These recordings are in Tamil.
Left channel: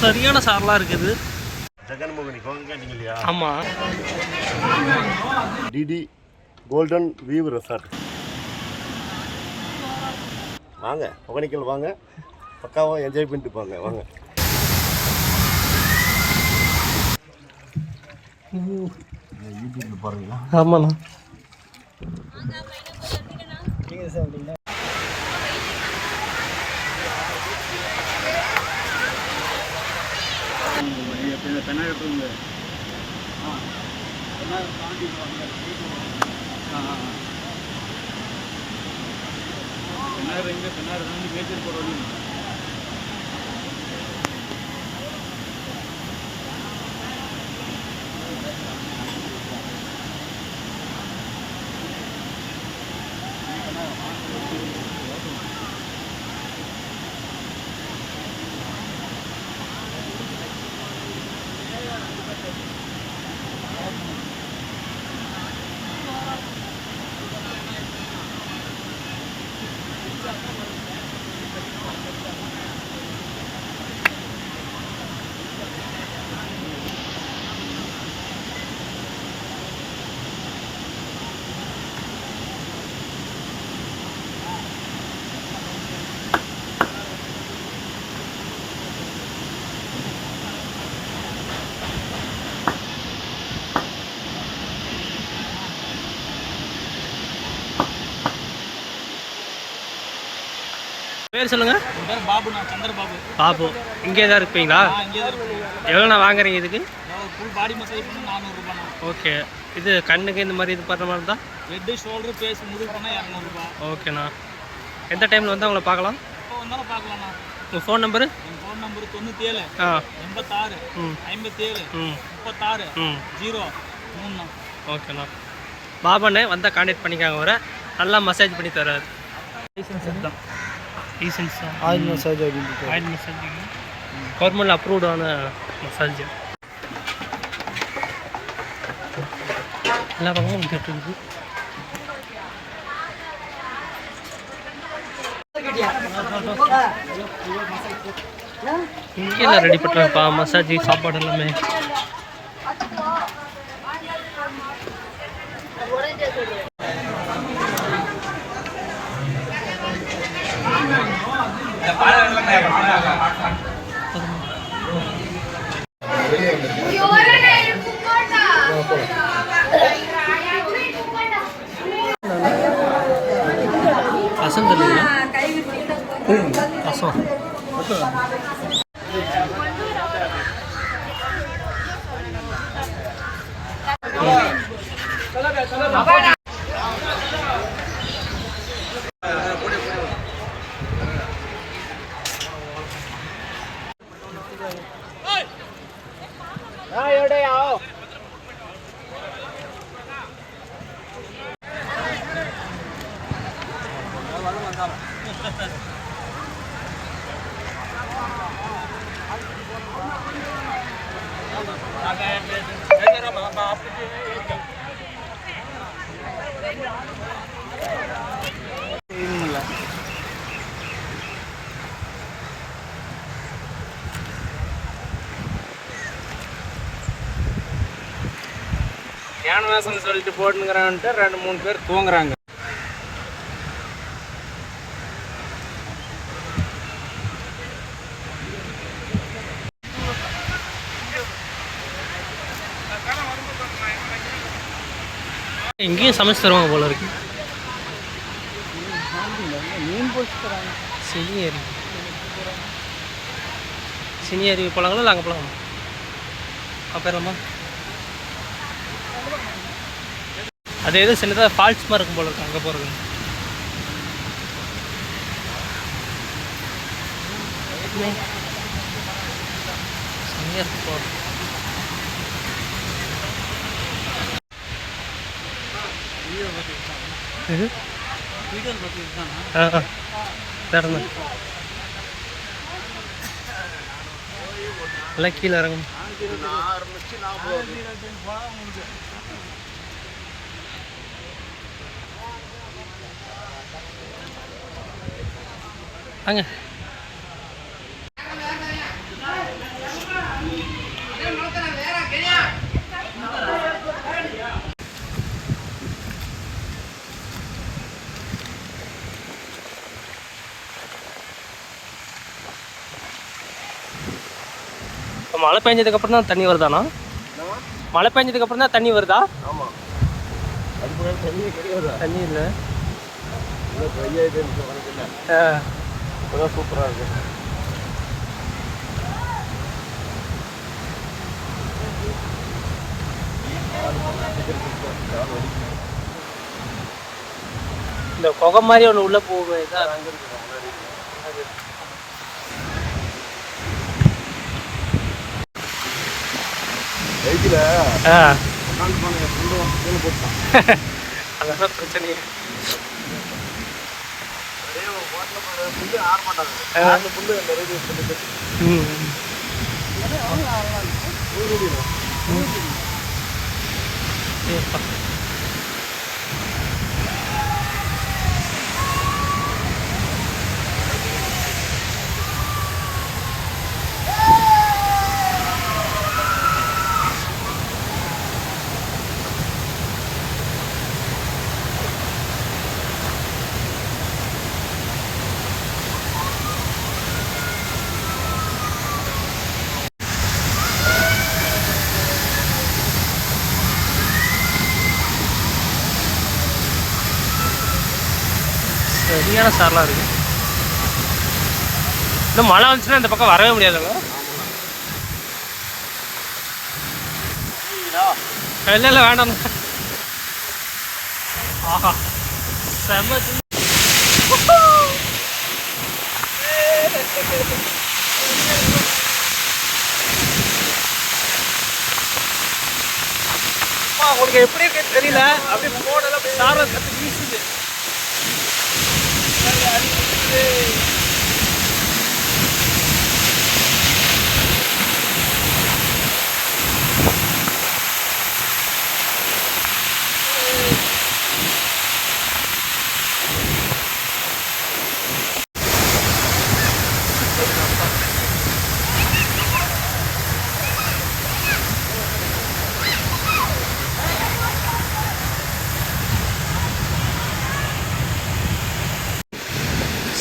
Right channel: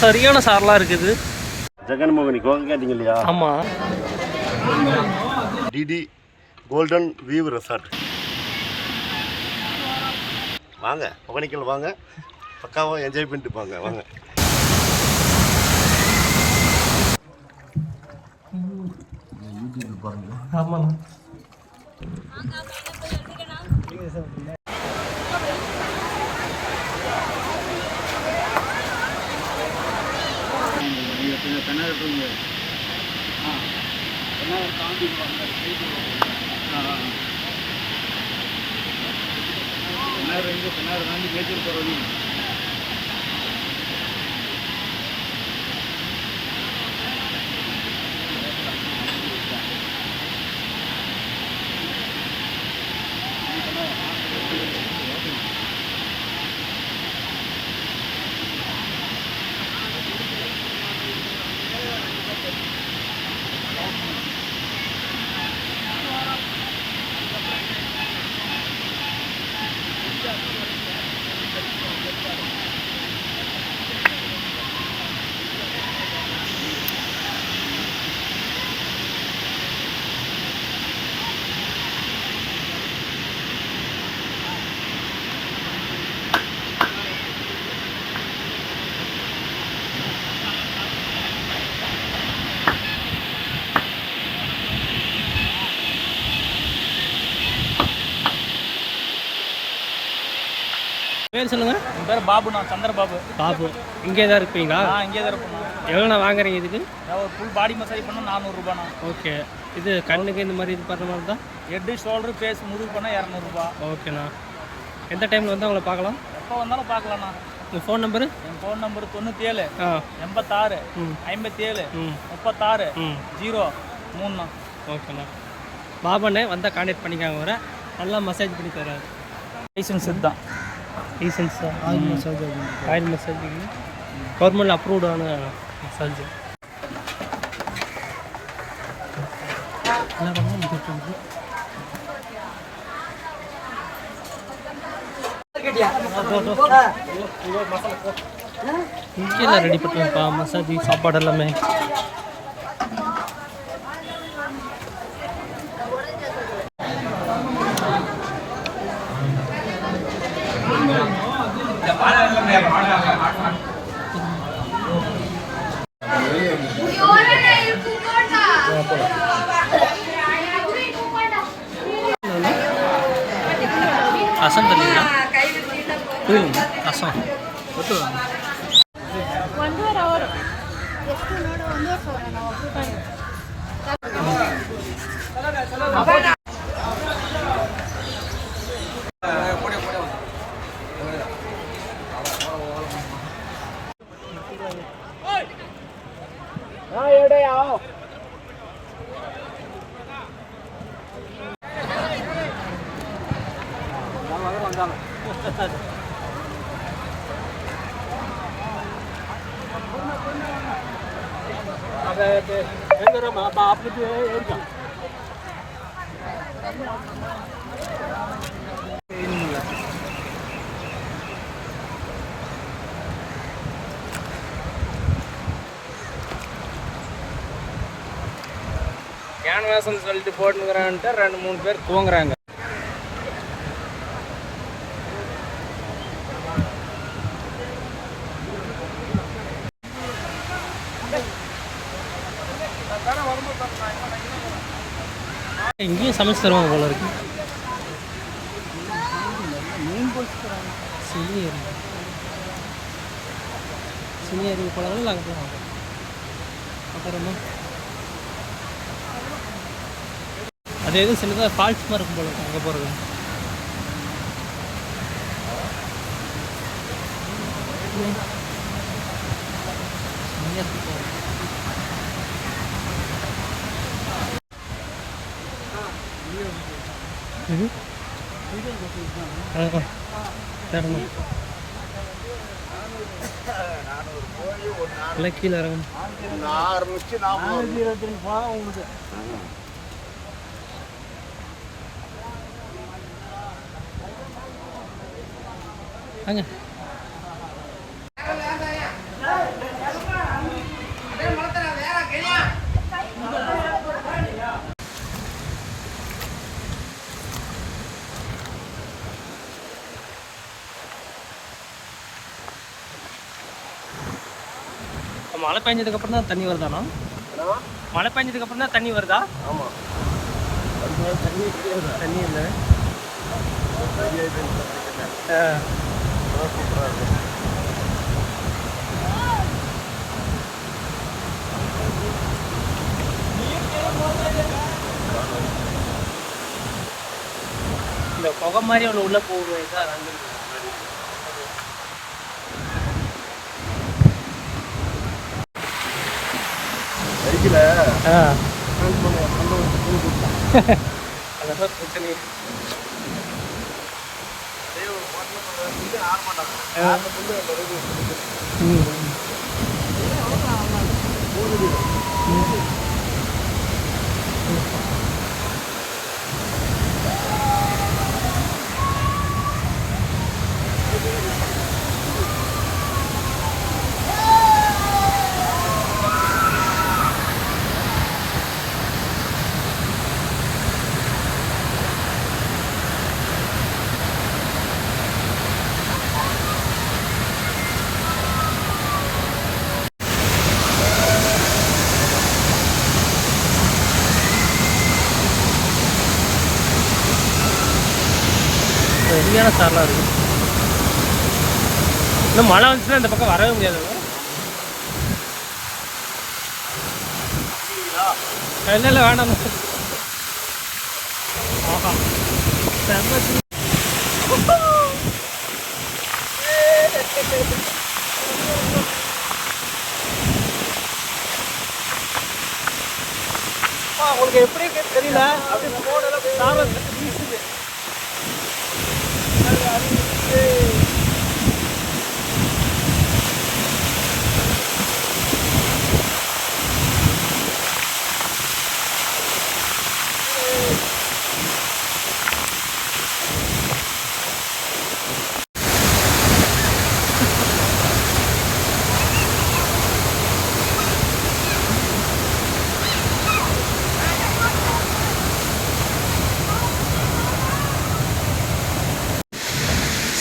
சரியான சாரெலாம் இருக்குது. ஜெகன்மோகனி கோங்க கேட்டீங்க இல்லையா? ஆமாம். TT golden view resort. வாங்க ஒகேனக்கல் வாங்க, பக்காவாக என்ஜாய் பண்ணிட்டு போங்க. வாங்க. ஆமாண்ணா. பேர் சொல்லுங்க. உன் பேர் பாபுண்ணா, சந்திரபாபு. பாபு. இங்கே தான் இருப்பீங்களா? இங்கே தான் இருப்பேண்ணா. எவ்வளோண்ணா வாங்குறீங்க இதுக்கு? ஒரு ஃபுல் பாடி மசாஜ் பண்ணால் 400 ரூபாண்ணா. ஓகே. இது கண்ணுக்கு இந்த மாதிரி இது பண்ணுற மாதிரி தான்? ஹெட்டு ஷோல்டரு ஃபேஸ் முதுகு பண்ணால் 200 ரூபா. ஓகேண்ணா. எந்த டைமில் வந்து அவங்கள பார்க்கலாம்? எப்போ வந்தாலும் பார்க்கலாண்ணா. உங்கள் ஃபோன் நம்பரு? என் ஃபோன் நம்பரு 97 86 57 36 03ண்ணா. ஓகேண்ணா. பாபாண்ணே வந்தால் கான்டாக்ட் பண்ணிக்காங்க. வர நல்லா மசாஜ் பண்ணி தராரு. லைசன்ஸ் தான். லைசன்ஸா? Oil massage. Oil massage government அப்ரூவ்டான மசாஜ். எல்லா பக்கமும் வந்துட்டு இருக்குது. இங்கே எல்லாம் ரெடி பண்ணுறாங்கப்பா மசாஜ் சாப்பாடு எல்லாமே. ரசம் தெரியுங்களா? ரசம் கேன்வாஸ்ன்னு சொல்லிட்டு போட்டுங்கிறான்ட்டு 2-3 பேர் தூங்குறாங்க. இங்கேயும் சமைச்சு தருவாங்க போல இருக்கு. சினி அருவி போலாங்களா இல்லை அங்கே போலாங்க? அப்புறமா அது எது சின்னதாக ஃபால்ஸ் மாதிரி இருக்கும் போல இருக்கு அங்கே போகிறது. போகிறோம். இது தரணும் எல்லாம் கீழே இறங்கணும். அங்கே மழை பெஞ்சதுக்கப்புறம் தான் தண்ணி வருதாண்ணா? மழை பெஞ்சதுக்கப்புறம் தான் தண்ணி வருதா? ஆமாம், அதுக்கு மேலே தண்ணி கிடையாது. தண்ணி இல்லை. சூப்பராக இருக்குது. இந்த புகை மாதிரி ஒன்று உள்ளே போகுது. பைக்கில் போட்டான். அதெல்லாம் பிரச்சனை. சரியான சாரெலாம் இருக்குது. இன்னும் மழை வந்துச்சுன்னா இந்த பக்கம் வரவே முடியாதுல்ல? இல்லை இல்லை வேண்டாம். ஆஹா செம்ம. உங்களுக்கு எப்படி இருக்குன்னு தெரியல, அப்படியே போனல அப்படியே சாரல் கற்று வீசுது.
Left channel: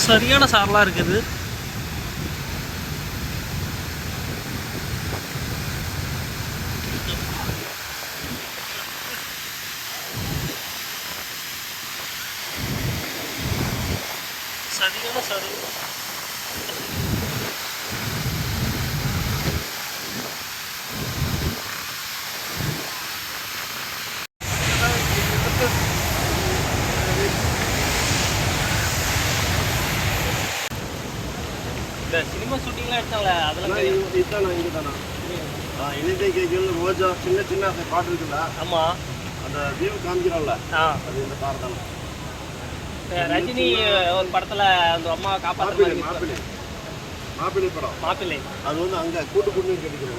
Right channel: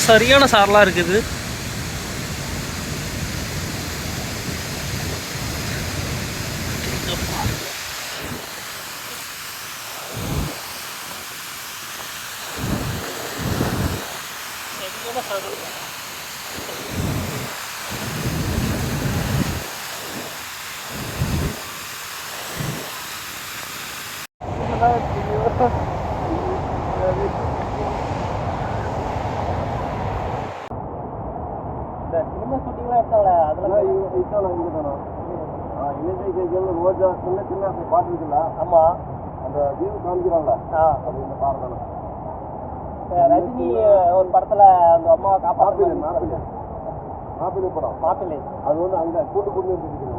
சரியான சாரலாக இருக்குது. சரியான சாரல். இந்த சினிமா ஷூட்டிங்லாம் எடுத்தாங்களே அதெல்லாம் இதுதானா? இங்கே தானா? இலங்கை கைகள் ரோஜா சின்ன சின்ன பாட்டு இருக்குல்ல? ஆமாம், அந்த வியூ காமிக்கிறான்ல, அது இந்த பாட்டு தானே. ரஜினி ஒரு படத்தில் அந்த அம்மா காப்பாற்ற மாப்பிள்ளை படம். மாப்பிள்ளை அது வந்து அங்கே கூட்டு குடிநீர் கிடைக்கிறது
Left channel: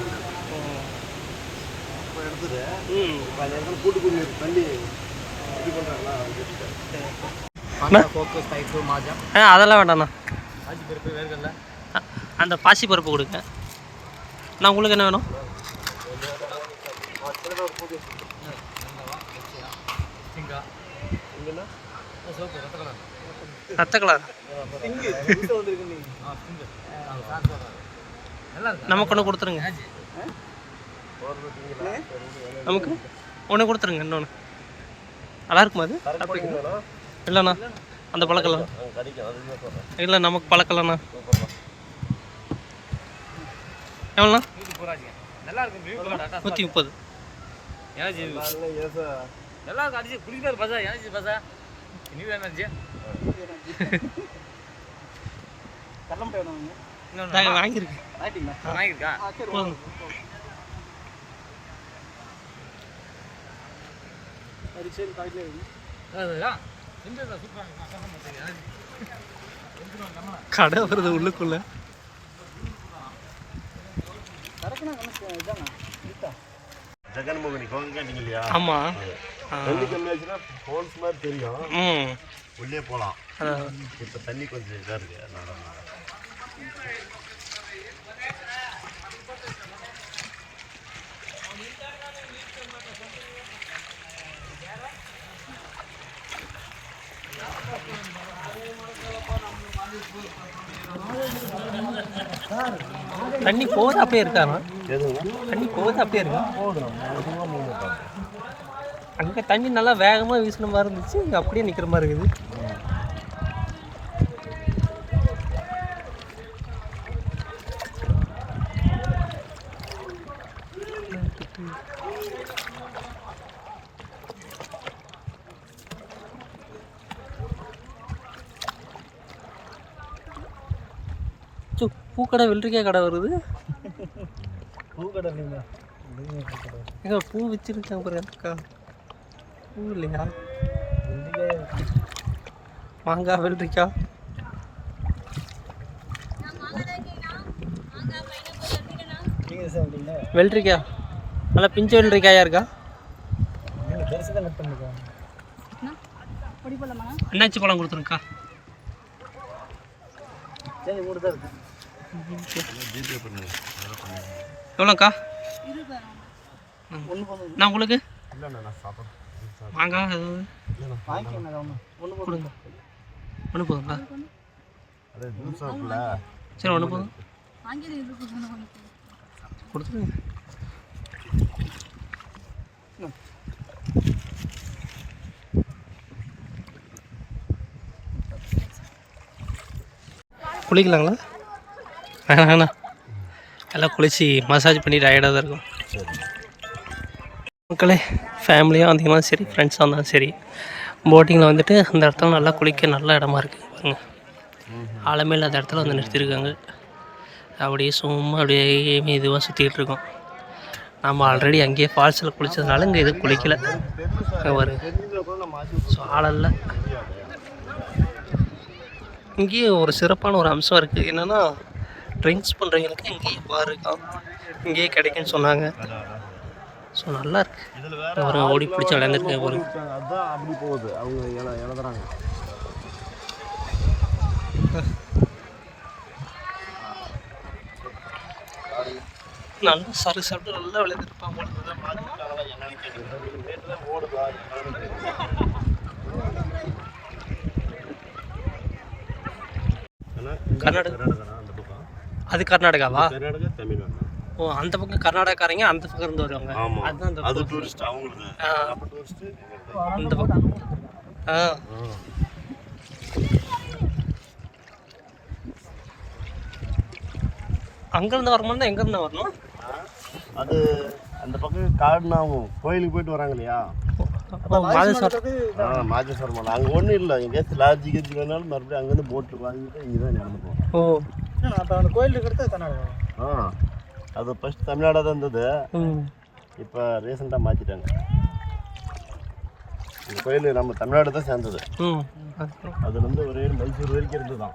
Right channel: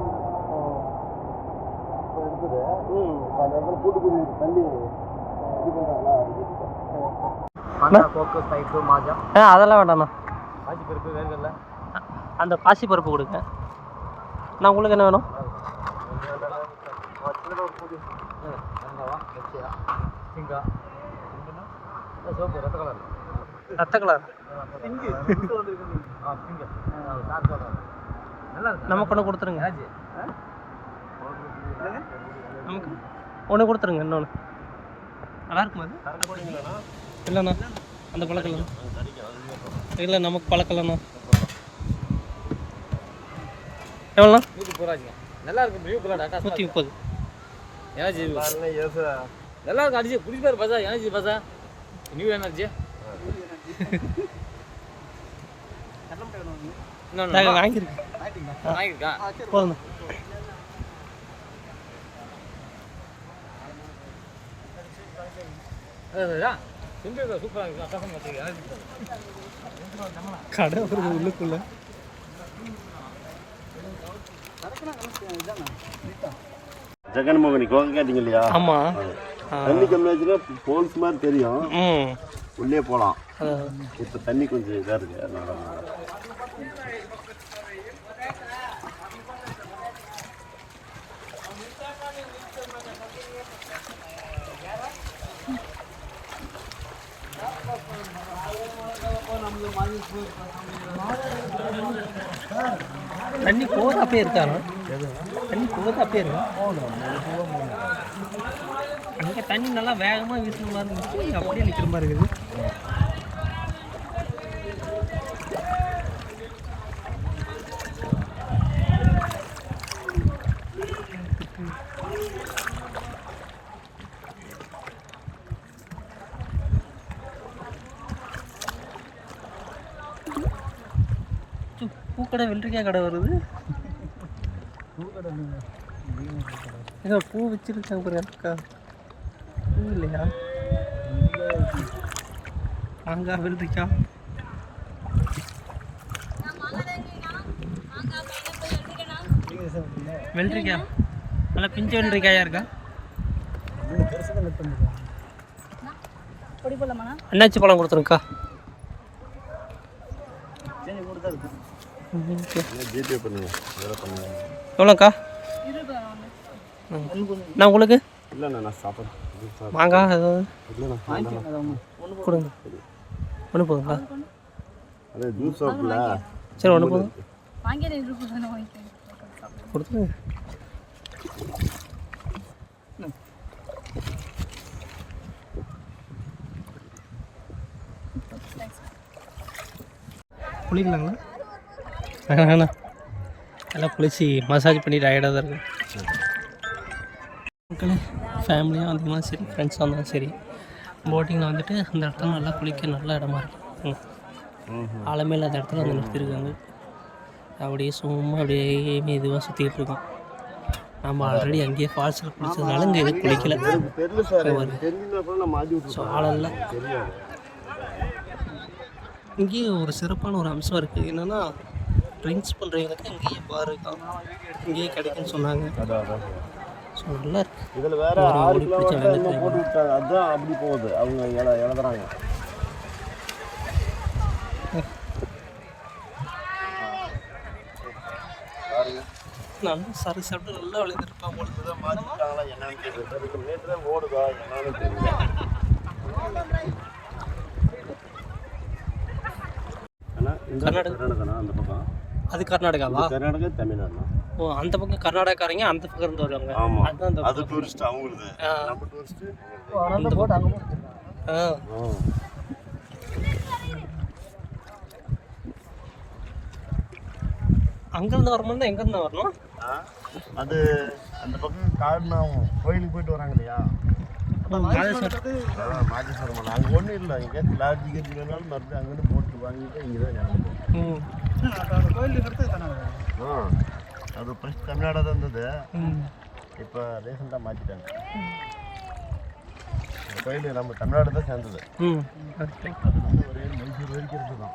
இப்போ எடுத்தது. இப்போ அந்த இடத்துல கூட்டு குடிநீர் தண்ணி இது பண்ணுறாங்களா? அதெல்லாம் வேண்டாண்ணா. பாசி பருப்பு வேணுங்கல்ல, அந்த பாசி பருப்பு கொடுங்க. நான் உங்களுக்கு என்ன வேணும்? ரத்த கலர் நமக்கு ஒன்று கொடுத்துருங்க. நமக்கு ஒன்று கொடுத்துருங்க. இன்னொன்று நல்லா இருக்குமா அது? இல்லைண்ணா அந்த பழக்கலாம் இல்லை, நமக்கு பழக்கலண்ணா. எவ்வளோண்ணா? 130. நல்லா இருக்கு. அடிச்சு குடிப்பாரு பசா, எனர்ஜி பசா, நியூ எனர்ஜி. வாங்கியிருக்கேன். போதும். கடை வருது உள்ளுக்குள்ள. ஜெகன்மோகனி கோங்க கேட்டீங்க இல்லையா? ஆமா, தண்ணி கம்மி ஆச்சுன்னா போல்ஸ் மாதிரி தெரியும், உள்ளே போகலாம். இப்போ தண்ணி கொஞ்சம் இதாக இருக்கு, அதனால தண்ணி போகுது அப்படியே இருக்காண்ணா? தண்ணி போகுது அப்படியே இருக்கா? அங்கே தண்ணி நல்லா வேகமாக வீசின மாதிரி இருந்துச்சு, இங்கே அப்படியே நிற்கிற மாதிரி இருக்குது. பூக்கடை வெள்ளரிக்காய் கடை வருது. ஏங்க பூ வச்சிருக்காங்க பாருங்க அக்கா. பூ இல்லையா? மாங்காய் வெள்ளரிக்காய். வெள்ளரிக்காய் நல்லா பிஞ்சு வெள்ளரிக்காயா இருக்கா? அண்ணாச்சி பழம் கொடுத்துருக்கா. எவ்வளோக்கா? நான் உங்களுக்கு மாங்காய் ஏதாவது கொடுங்க. ஒன்று போதுங்களா? சரி ஒன்று போதும் கொடுத்துருங்க. குளிக்கலாங்களா? வேணாண்ணா, எல்லாம் குளிச்சு மசாஜ் பண்ணி டயர்டாக தான் இருக்கும். மக்களே, ஃபேமிலியாக வந்தீங்கன்னா சரி, ஃப்ரெண்ட்ஸாக இருந்தாலும் சரி, போட்டிங்கில் வந்துட்டு அந்த இடத்துல நல்லா குளிக்க நல்ல இடமா இருக்குது பாருங்க. ஆழமே இல்லாத இடத்துல வந்து நிறுத்தியிருக்காங்க. அப்படியே சும்மா அப்படியே மெதுவாக சுற்றிக்கிட்டு இருக்கோம். நம்ம ஆல்ரெடி அங்கேயே ஃபால்ஸில் குளித்ததுனால இங்கே எதுவும் குளிக்கலை. பாருங்க, ஸோ ஆளல்ல. இங்கேயே ஒரு சிறப்பான ஒரு அம்சம் இருக்குது. என்னென்னா, ட்ரிங்க்ஸ் பண்ணுறவங்களுக்கு இங்கேயே பாரு இங்கேயே கிடைக்குன்னு சொன்னாங்க. ஸோ நல்லா இருக்கு. ஒரு ஓடி பிடிச்ச விளையாண்டுட்டு ஒரு நல்லா சரி சாப்பிட்டு நல்லா விளையாண்டுருப்பான் போல. கர்நாடகா அது கர்நாடகாவா? கர்நாடகா தமிழ்நாடு. ஓ, அந்த பக்கம் கர்நாடகாரங்க அந்த பக்கம் இருந்து வருவாங்க. அதுதான் அந்த டூரிஸ்ட் அவங்களுக்கு. நம்ம டூரிஸ்ட் அந்த பக்கம். அங்கேருந்து வரணும் தான் எங்கேருந்து வரணும்? அது அந்த பக்கம் காடுனா அவங்க கோயிலுக்கு போயிட்டு வராங்க இல்லையா? மாதேஸ்வரம். மாதேஸ்வரம் அங்கே ஒன்றும் இல்லை. எங்கேயாச்சும் லாட்ஜி கட்சி வேணாலும் மறுபடியும் அங்கேருந்து போட்டு வாங்கிட்டு இங்கே தான் நடந்து போகும். அது ஃபஸ்ட் தமிழ்நாடாக தான் இருந்தது. இப்போ ரீசெண்டாக மாற்றிட்டாங்க. இந்த கோயில் நம்ம தமிழ்நாடு தான் சேர்ந்தது. அது வந்து ஒரே மைசூர் வரைக்கும் இருந்து தான்.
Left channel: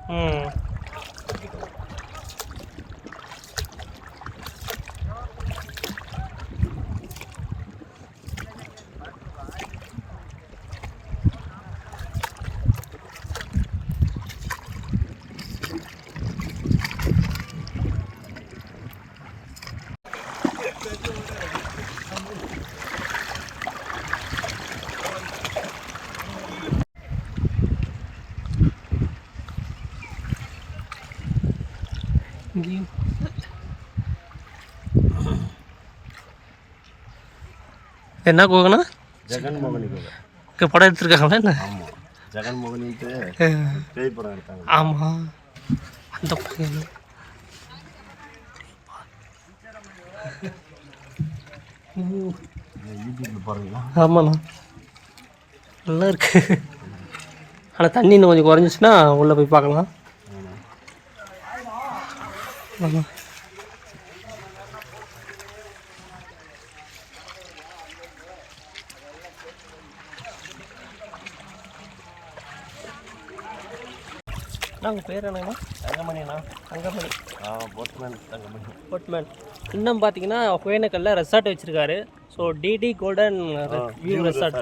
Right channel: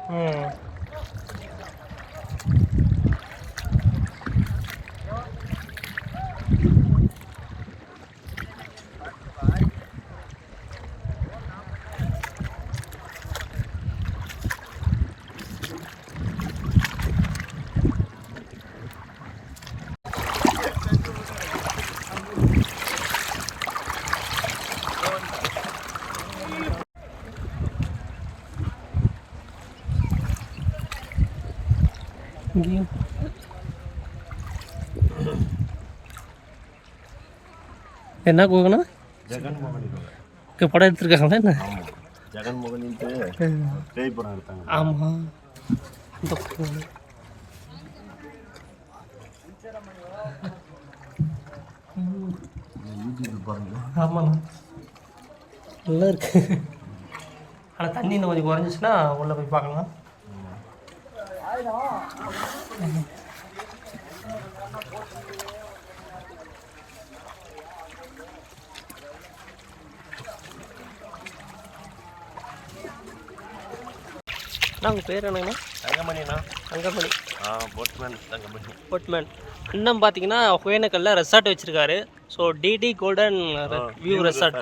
என்ன கோகனா? ஜெகன்மோகனி கோவில் படம் எடுத்துருக்காங்களா என்ன? ஜெகன்மோகனிக்கு பேய் படம் எடுத்தாங்க. ஆமாம், அந்த ஆமாண்ணா நல்லா இருக்கு. ஆனால் தண்ணி இன்னும் கொஞ்சம் குறைஞ்சிச்சுன்னா உள்ளே போய் பார்க்கலாம். ஆமாம், உங்கள் பேர் என்னங்கண்ணா? தங்கமணிண்ணா. தங்கமணி. போட்மேன் தங்கமணி. போட்மேன். இன்னும் பார்த்தீங்கன்னா ஒகேனக்கல்ல ரெசார்ட் வச்சுருக்காரு. So TT golden view resort.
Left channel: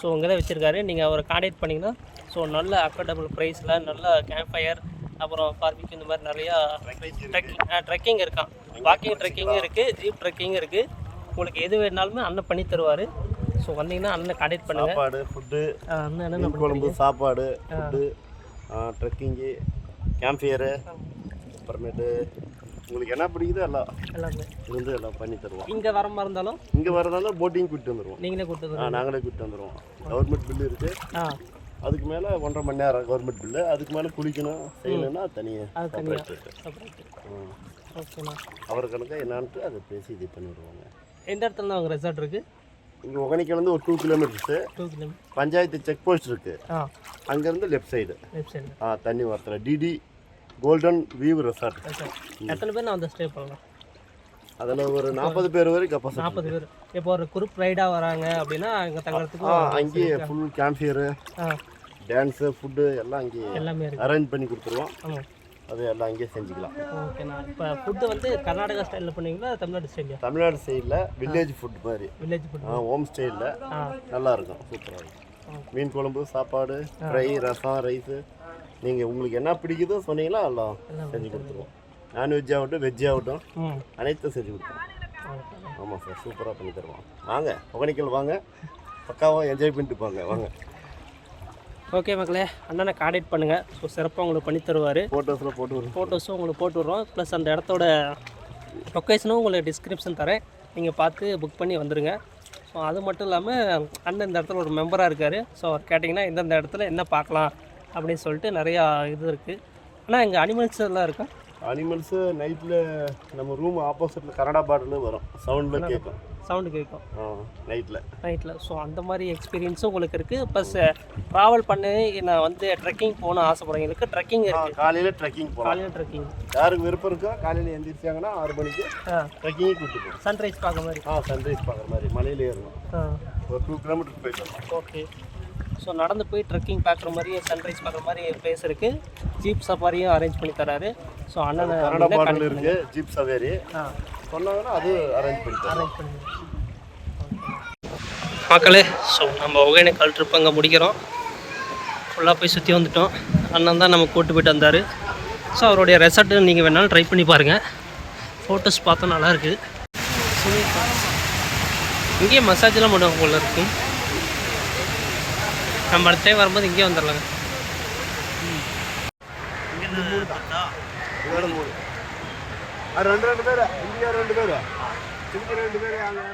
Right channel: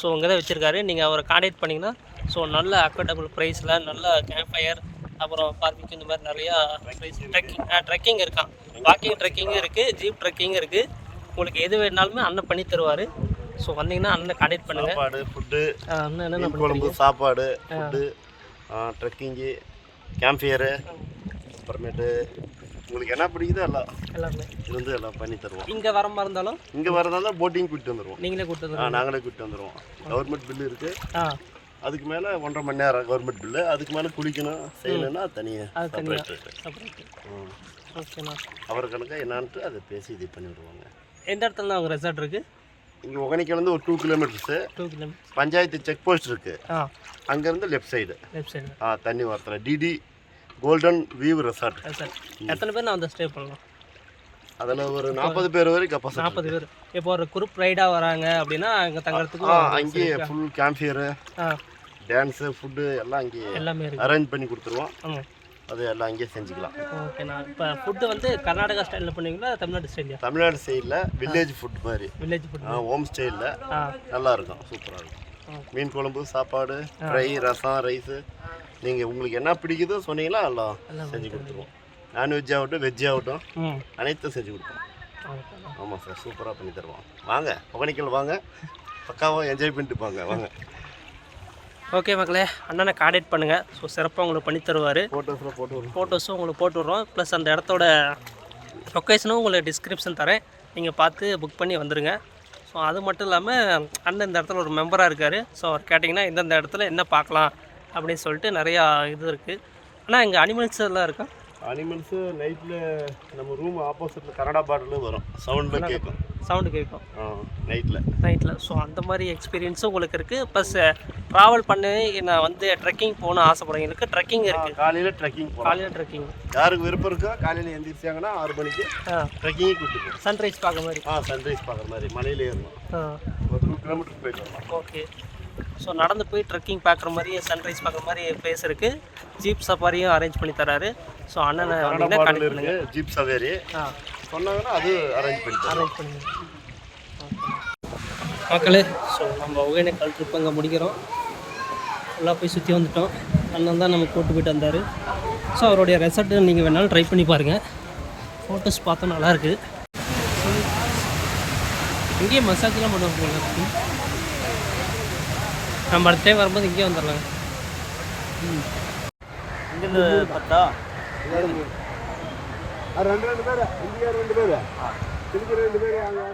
So அங்கே தான் வச்சுருக்காரு. நீங்கள் அவரை கான்டாக்ட் பண்ணிங்கன்னா ஸோ நல்ல அஃபோர்டபுள் ப்ரைஸில் நல்ல கேம்ப் ஃபயர், அப்புறம் பார்பிக்யூ, இந்த மாதிரி நிறையா ட்ரெக்கிங் இருக்கான். வாக்கிங் ட்ரெக்கிங்கும் இருக்குது, ஜீப் ட்ரெக்கிங்கும் இருக்குது. உங்களுக்கு எது வேணாலுமே அண்ணன் பண்ணி தருவார். ஸோ வந்தீங்கன்னா அண்ணனை கான்டாக்ட் பண்ணுங்கள். சாப்பாடு, ஃபுட்டு, அண்ணன் குழம்பு, சாப்பாடு, ஃபுட்டு, ட்ரெக்கிங்கு, கேம்ப் ஃபயரு, அப்புறமேட்டு உங்களுக்கு என்ன பிடிக்குதோ எல்லாம் எல்லாமே இருந்து எல்லாம் பண்ணி தருவோம். இங்கே வர மாதிரி இருந்தாலும் இங்கே வரதா போட்டிங் கூட்டிட்டு வந்துடுவோம். நீங்களே கூப்பிட்டு நாங்களே கூப்பிட்டு வந்துடுவோம். கவர்மெண்ட் பில்லு இருக்குது. ஆ அதுக்கு மேலே 1.5 மணி நேரம் கவர்மெண்ட் பில்லு. அதுக்கு மேலே குளிக்கணும் செய்யணும்னா தனியாக செப்பரேட் ரேட்டு. ஓகேண்ணா. அவர் கணக்காக என்னான்ட்டு அதை பேசி இது பண்ணி விடுவாங்க. எந்த இடத்துல தான் உங்கள் ரெசார்ட் இருக்குது? இங்கே ஒகேனக்கல்லேருந்து ஒரு 2 kilometres. 2 kilometre. Panchayat check post இருக்குது. அங்கேருந்து லெஃப்ட் சைடு தண்ணி வரத்தில் டிடி கோல்டன் வியூ ரெசார்ட். எத்தனை பேர் நான் வந்து ஸ்டே பண்ணலாம்? அதில் ஒரு 40 பேர் வரைக்கும் கெப்பாசிட்டி. 40 பேர். இப்போ ஒரு குரூப் ரைடாக வராங்க அப்படின்னா அங்கே தங்குறதுக்கு அங்கேயே ஃபுல் கேம்ப்ஃபயரு, டான்ஸு, ஃபுட்டு எல்லாம் அங்கேயே எல்லாமே அரேஞ்ச் பண்ணி கொடுத்துருவோம். அது எல்லாம் அங்கேயே செஞ்சுக்கலாம். ஓகேண்ணா. இப்போ ஃபுட்டு வந்து கர்நாடகா ஸ்டைலில் பண்ணுவீங்களா தமிழ்நாடு ஸ்டைலில்? தமிழ்நாடு ஸ்டைலில் வில்லேஜ் ஃபுட் மாதிரி. வில்லேஜ் ஃபுட் ஹோம் ஸ்டைலில் நல்லாயிருக்கும், சூப்பராக இருக்கும். மீன் குழம்பு, சாப்பாடு, ஃப்ரை, ரசம், ரைஸு, நீங்கள் உங்களுக்கு என்ன பிடிக்குதோ சொன்னீங்களா எல்லாம் செஞ்சு கொடுத்துருவோம். நான்வெஜ் ஆகட்டும் வெஜ் ஆகட்டும் அனைத்தும் செஞ்சு கொடுப்போம். ஆமாம் சார், சூப்பராக பண்ணி தருவோம். வாங்க ஒகேனக்கல் வாங்க, பக்காவாக என்ஜாய் பண்ணிட்டு போங்க வாங்க. ஓகே மக்களே, அண்ணனை கான்டாக்ட் பண்ணுங்கள். ஸோ சிறப்பாக உங்களுக்கு பண்ணி தருவார். ஃபோட்டோஸும் உங்களுக்கு போட்டு விட்றோம். ப்ளஸ் அந்த இடத்தோட லொக்கேஷனும் உங்களுக்கு டிஸ்கிரிப்ஷன் தரேன், நீங்கள் பார்த்து புக் பண்ணி வந்துடுங்க. ஸோ அது மட்டும் இல்லாமல் அண்ணன் இந்த இடத்துல ஒரு மெம்பராக இருக்கார். ஸோ அவர் கேட்டிங்கன்னா இந்தந்த இடத்துல என்ன பார்க்கலாம் அப்படின்னு சொல்லிட்டு நிறையா இது இருக்குது. ஆனால் இங்கே அனிமல்ஸ் எல்லாம் இருக்கா? அனிமல்ஸு நைட்டில் நம்ம ரூம் ஆப்போசிட்டில் கனடா பாட்டிலும் வரும், சவுண்டு கேட்கும் நைட்டில். ஸோ அந்த மாதிரி எக்ஸ்பீரியன்ஸும் உங்களுக்கு இருக்குது. ப்ளஸ் ட்ராவல் பண்ணி நான் வந்து ட்ரெக்கிங் போகணும்னு ஆசைப்படுறவங்களுக்கு ட்ரெக்கிங் இருக்குது. காலையில் ட்ரெக்கிங் போகலாம். காலையில் ட்ரெக்கிங் யாருக்கு விருப்பம் இருக்கோ காலையில் எந்திரிச்சாங்கன்னா 6 மணிக்கு ட்ரெக்கிங்கே கூப்பிட்டு போகும். சன்ரைஸ் பார்க்குற மாதிரி. சன்ரைஸ் பார்க்குற மாதிரி மலையில் ஏறணும். ஒரு 2 கிலோமீட்டர் போயிட்டோம். ஓகே. ஸோ நடந்து போய் ட்ரெக்கிங் பார்க்குற மாதிரி சன்ரைஸ் பார்க்குற மாதிரி பிளேஸ் இருக்குது. ஜீப் சஃபாரியும் அரேஞ்ச் பண்ணி தராரு. ஸோ அண்ணனை வந்தீங்கன்னா கனெக்ட் பண்ணுங்க. ஜீப் சஃபாரி சொன்னாங்கன்னா அது அரேஞ்ச் பண்ணி மக்களே. ஸோ நம்ம ஒகேனக்கல் ட்ரிப் அங்கே முடிக்கிறோம். ஃபுல்லாக போய் சுற்றி வந்துட்டோம். அண்ணன் தான் நம்ம கூட்டு போய்ட்டு வந்தார். ஸோ அவருடைய ரெசார்ட்டு நீங்கள் வேணாலும் ட்ரை பண்ணி பாருங்கள். ஃபோட்டோஸ் பார்த்தா நல்லாயிருக்கு. ஸ்விம்மிங் ஃபால்ஸ் இங்கேயே மசாஜெலாம் பண்ணுவாங்க போல இருக்கும். நம்ம அடுத்த டைம் வரும்போது இங்கேயே வந்துடலாங்க. இங்கேருந்து பார்த்தா இதோட 3 2 பேர் இந்தியா 2 பேர் திருப்பி 2 பேர் அங்கே